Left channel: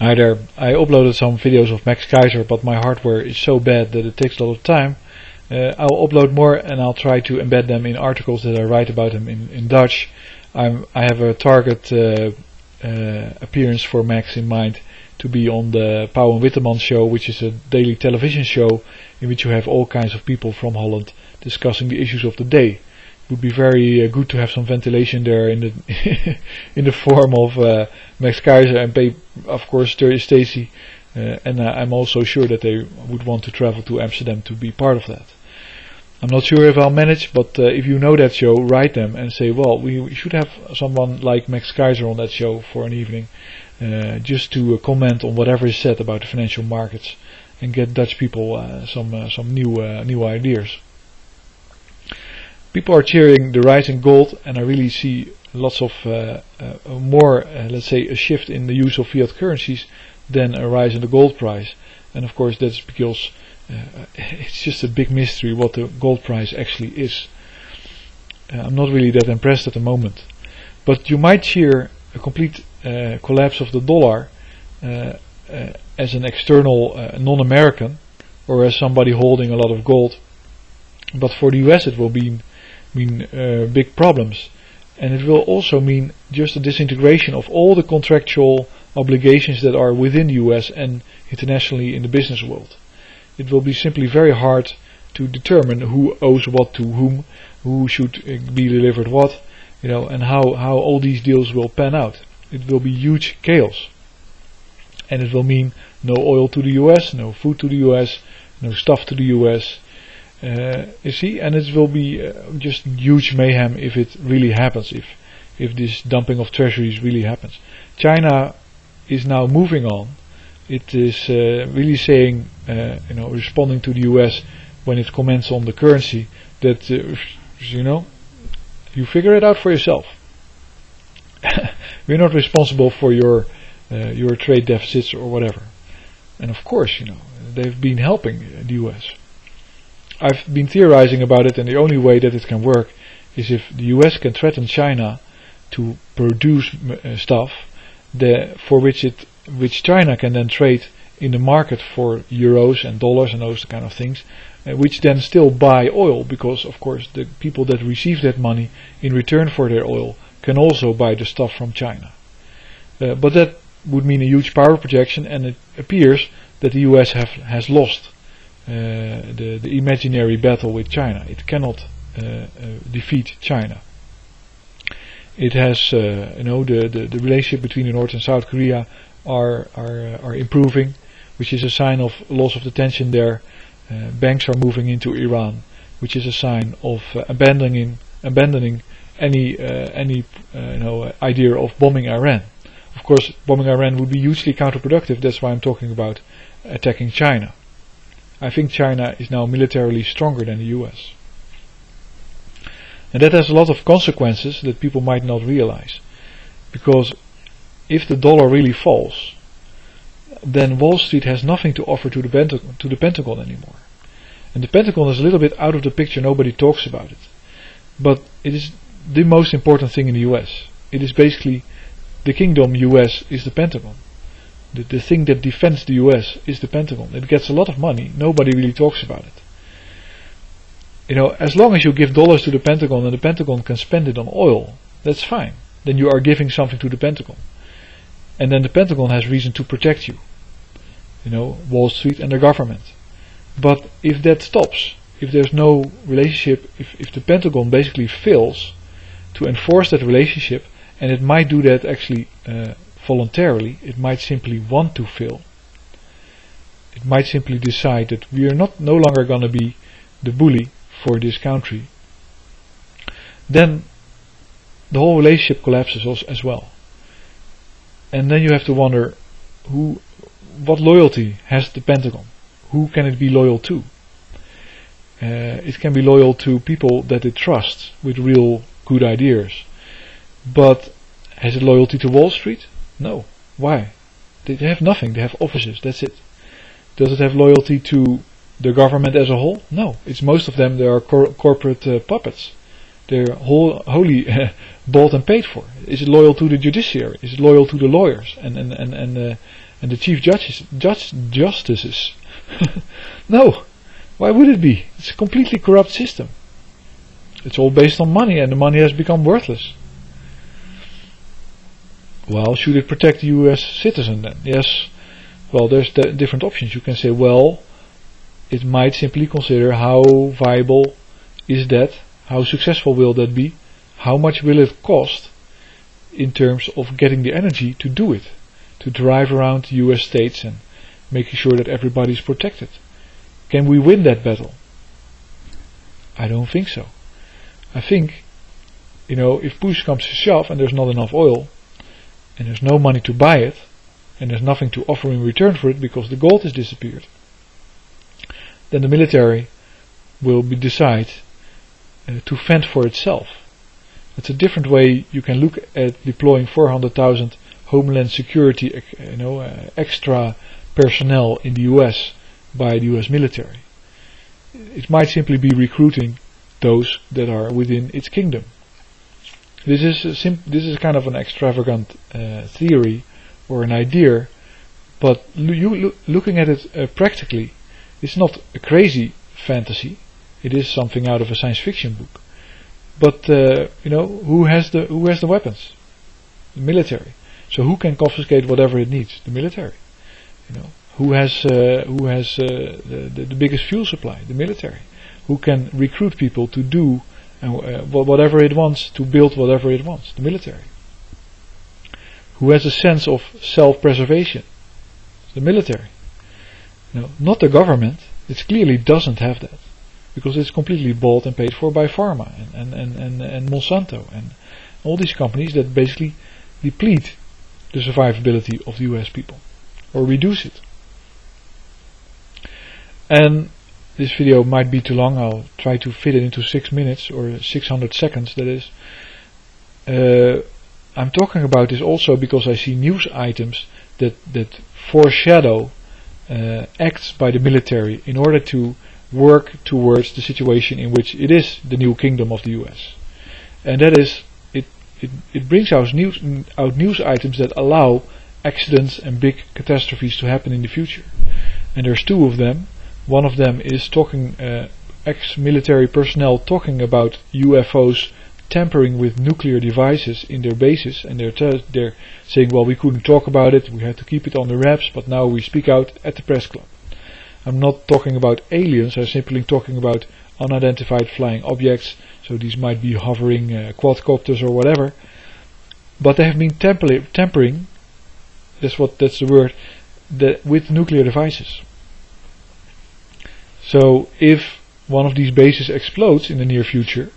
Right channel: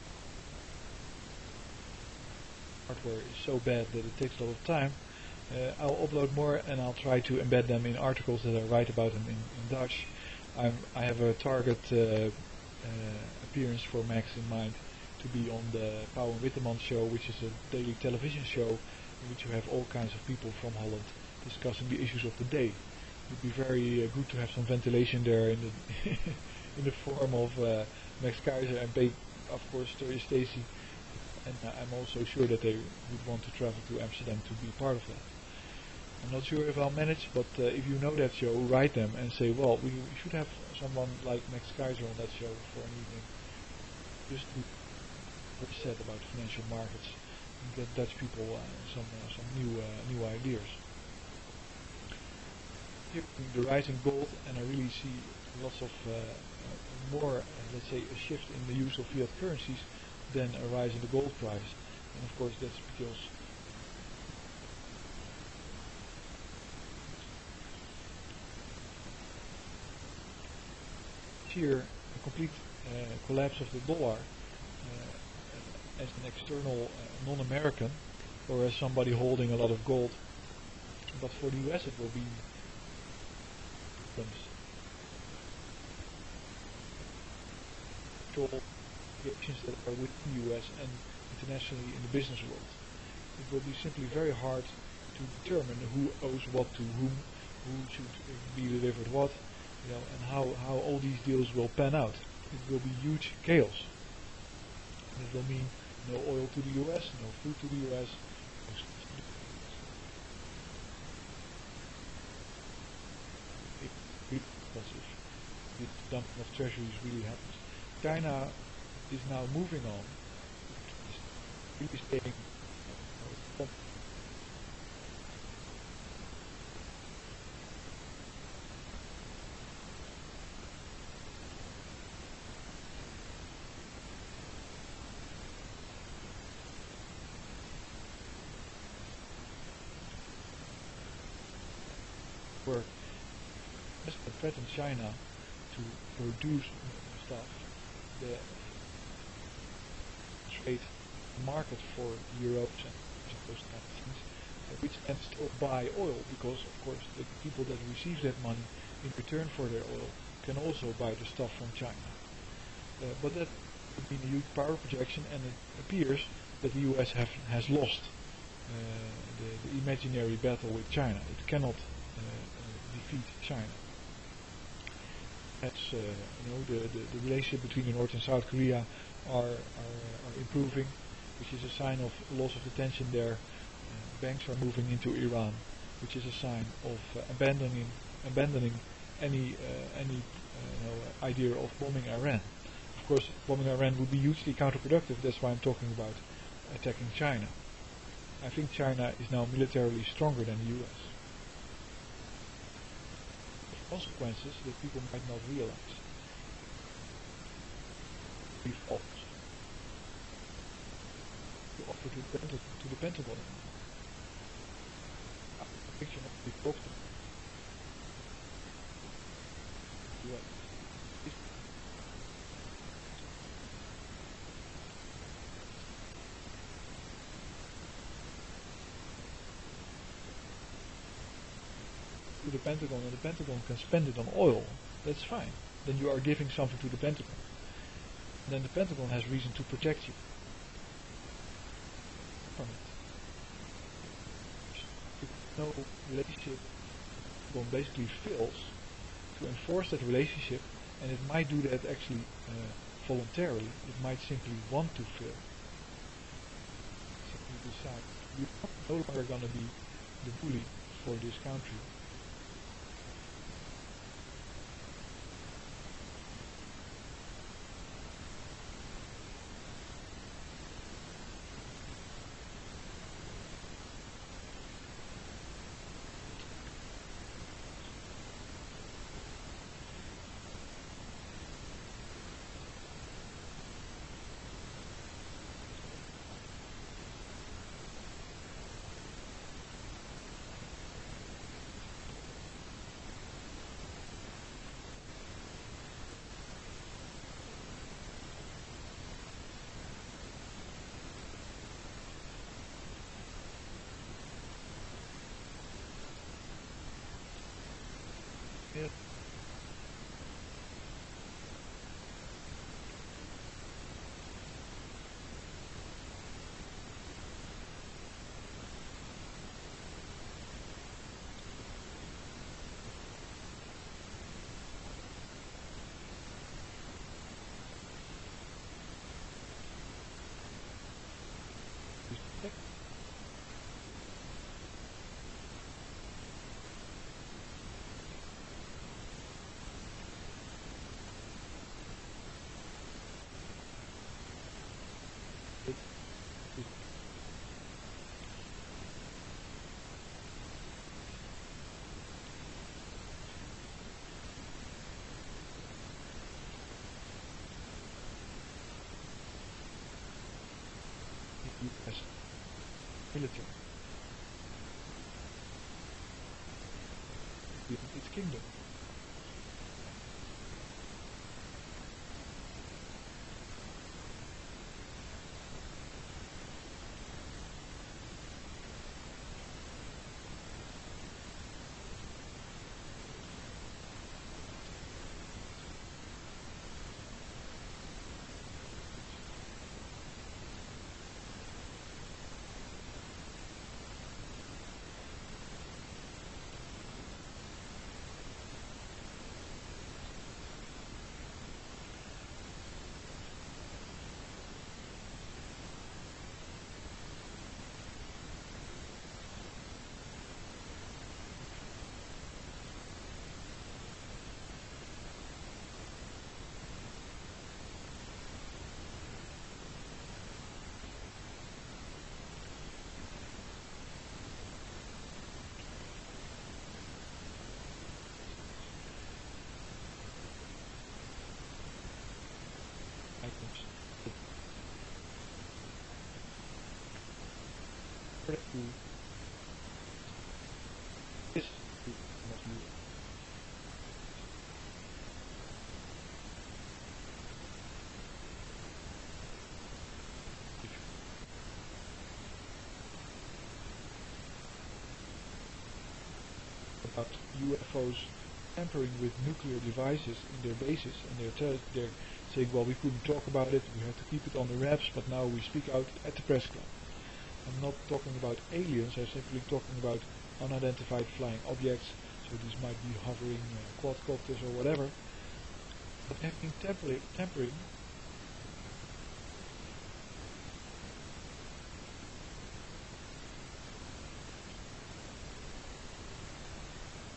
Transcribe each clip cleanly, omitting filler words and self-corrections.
Hi there, I uploaded some videos of Max Kaiser, but my hardware is so bad that it takes a lot of time. I'll upload more and I'll try to embed them in articles that I write about him in Dutch. I have a target appearance for Max in mind to be on the Pauw and Witteman show, which is a daily television show in which you have all kinds of people from Holland discussing the issues of the day. It would be very good to have some ventilation there in the in the form of Max Kaiser and of course Stacey, and I'm also sure that they would want to travel to Amsterdam to be part of that. I'm not sure if I'll manage, but if you know that show, write them and say, well, we should have someone like Max Kaiser on that show for an evening, just to comment on whatever is said about the financial markets and get Dutch people some new ideas. People are cheering the rise in gold, and I really see lots of more, let's say, a shift in the use of fiat currencies than a rise in the gold price. And of course that's because it's just a big mystery what the gold price actually is. I'm not really that impressed at the moment. But you might cheer a complete collapse of the dollar as an external non-American, or as somebody holding a lot of gold. But for the US it will mean big problems, and it will also mean just a disintegration of all the contractual obligations that are within the US and internationally in the business world. It will be simply very hard to determine who owes what to whom, who should be delivered what, and how all these deals will pan out. It will be huge chaos, and it will mean no oil to the US, no food to the US, no stuff to the US. You see, and it will be just huge mayhem if it really happens, if this dumping of treasuries really happens. China is now moving on. It is really saying, responding to the US when it comments on the currency, that you figure it out for yourself. We're not responsible for your trade deficits or whatever. And of course, they've been helping the US. I've been theorizing about it, and the only way that it can work is if the US can threaten China to produce stuff for which China can then trade in the market for euros and dollars and those kind of things, which then still buy oil, because of course the people that receive that money in return for their oil can also buy the stuff from China. But that would mean a huge power projection, and it appears that the US has lost the imaginary battle with China. It cannot defeat China. It has, the relationship between the North and South Korea are improving, which is a sign of loss of the tension there. Banks are moving into Iran, which is a sign of abandoning any idea of bombing Iran. Of course, bombing Iran would be hugely counterproductive. That's why I'm talking about attacking China. I think China is now militarily stronger than the US. And that has a lot of consequences that people might not realize. Because if the dollar really falls, then Wall Street has nothing to offer to the Pentagon anymore. And the Pentagon is a little bit out of the picture, nobody talks about it. But it is the most important thing in the US. It is basically the kingdom US is the Pentagon. The thing that defends the US is the Pentagon. It gets a lot of money, nobody really talks about it. As long as you give dollars to the Pentagon and the Pentagon can spend it on oil, that's fine. Then you are giving something to the Pentagon. And then the Pentagon has reason to protect you. Wall Street and the government. But if that stops, if there's no relationship, if the Pentagon basically fails to enforce that relationship, and it might do that actually voluntarily, it might simply want to fail. It might simply decide that we are no longer going to be the bully for this country. Then the whole relationship collapses as well. And then you have to wonder, what loyalty has the Pentagon? Who can it be loyal to? It can be loyal to people that it trusts with real good ideas. But has it loyalty to Wall Street? No. Why? They have nothing. They have offices. That's it. Does it have loyalty to the government as a whole? No. It's most of them. They are corporate puppets. They're wholly bought and paid for. Is it loyal to the judiciary? Is it loyal to the lawyers and and the chief justices. No, why would it be? It's a completely corrupt system. It's all based on money, and the money has become worthless. Well, should it protect the US citizen then? Yes. Well, there's different options. You can say, well, it might simply consider how viable is that, how successful will that be, how much will it cost in terms of getting the energy to do it, to drive around the US states and making sure that everybody's protected. Can we win that battle? I don't think so. I think, if push comes to shove and there's not enough oil, and there's no money to buy it, and there's nothing to offer in return for it because the gold has disappeared, then the military will decide to fend for itself. It's a different way you can look at deploying 400,000 Homeland Security extra personnel in the US by the US military. It might simply be recruiting those that are within its kingdom. This is kind of an extravagant theory or an idea, but looking at it practically, it's not a crazy fantasy. It is something out of a science fiction book. But who has the weapons? The military. So who can confiscate whatever it needs? The military. Who has the biggest fuel supply? The military. Who can recruit people to do whatever it wants, to build whatever it wants? The military. Who has a sense of self-preservation? The military. Not the government. It clearly doesn't have that, because it's completely bought and paid for by pharma and Monsanto and all these companies that basically deplete the survivability of the US people or reduce it. And this video might be too long. I'll try to fit it into 6 minutes or 600 seconds, that is. I'm talking about this also because I see news items that foreshadow acts by the military in order to work towards the situation in which it is the new kingdom of the US. And that is, it brings out news items that allow accidents and big catastrophes to happen in the future. And there's two of them. One of them is talking ex-military personnel talking about UFOs tampering with nuclear devices in their bases, and they're saying, well, we couldn't talk about it, we had to keep it on the wraps, but now we speak out at the press club. I'm not talking about aliens, I'm simply talking about unidentified flying objects, so these might be hovering quadcopters or whatever, but they have been tampering, that's the word, with nuclear devices. So if one of these bases explodes in the near future,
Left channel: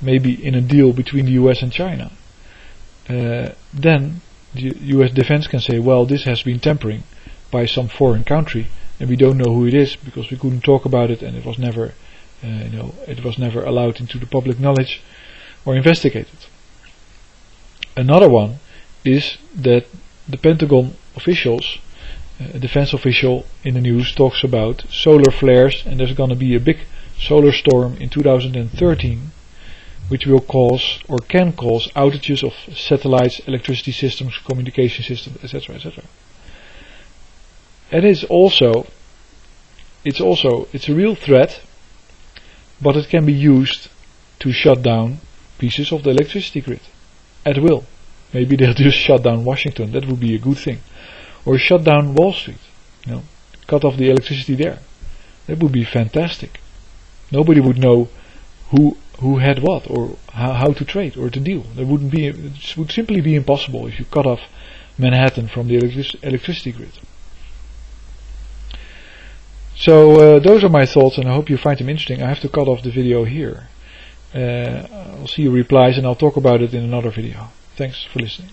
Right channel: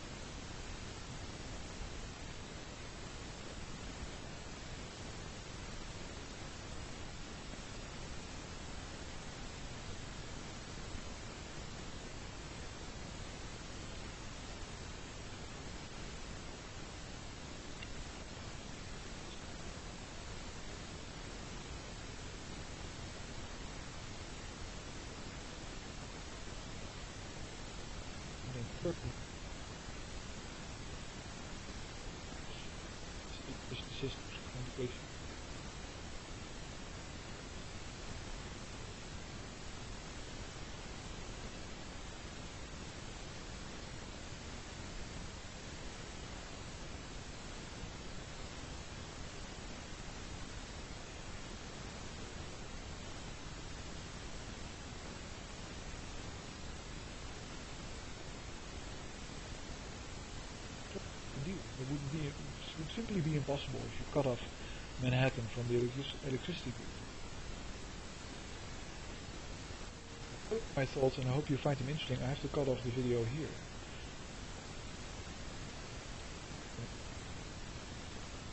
maybe in a deal between the US and China, then the US defense can say, well, this has been tampering by some foreign country, and we don't know who it is because we couldn't talk about it, and it was never, it was never allowed into the public knowledge or investigated. Another one is that the Pentagon officials, a defense official in the news talks about solar flares, and there's going to be a big solar storm in 2013 which will cause or can cause outages of satellites, electricity systems, communication systems, etc., etc. And it's a real threat, but it can be used to shut down pieces of the electricity grid at will. Maybe they'll just shut down Washington, that would be a good thing. Or shut down Wall Street, cut off the electricity there. That would be fantastic. Nobody would know who had what, or how to trade or to deal. It would simply be impossible if you cut off Manhattan from the electricity grid. So those are my thoughts, and I hope you find them interesting. I have to cut off the video here. I'll see your replies, and I'll talk about it in another video. Thanks for listening.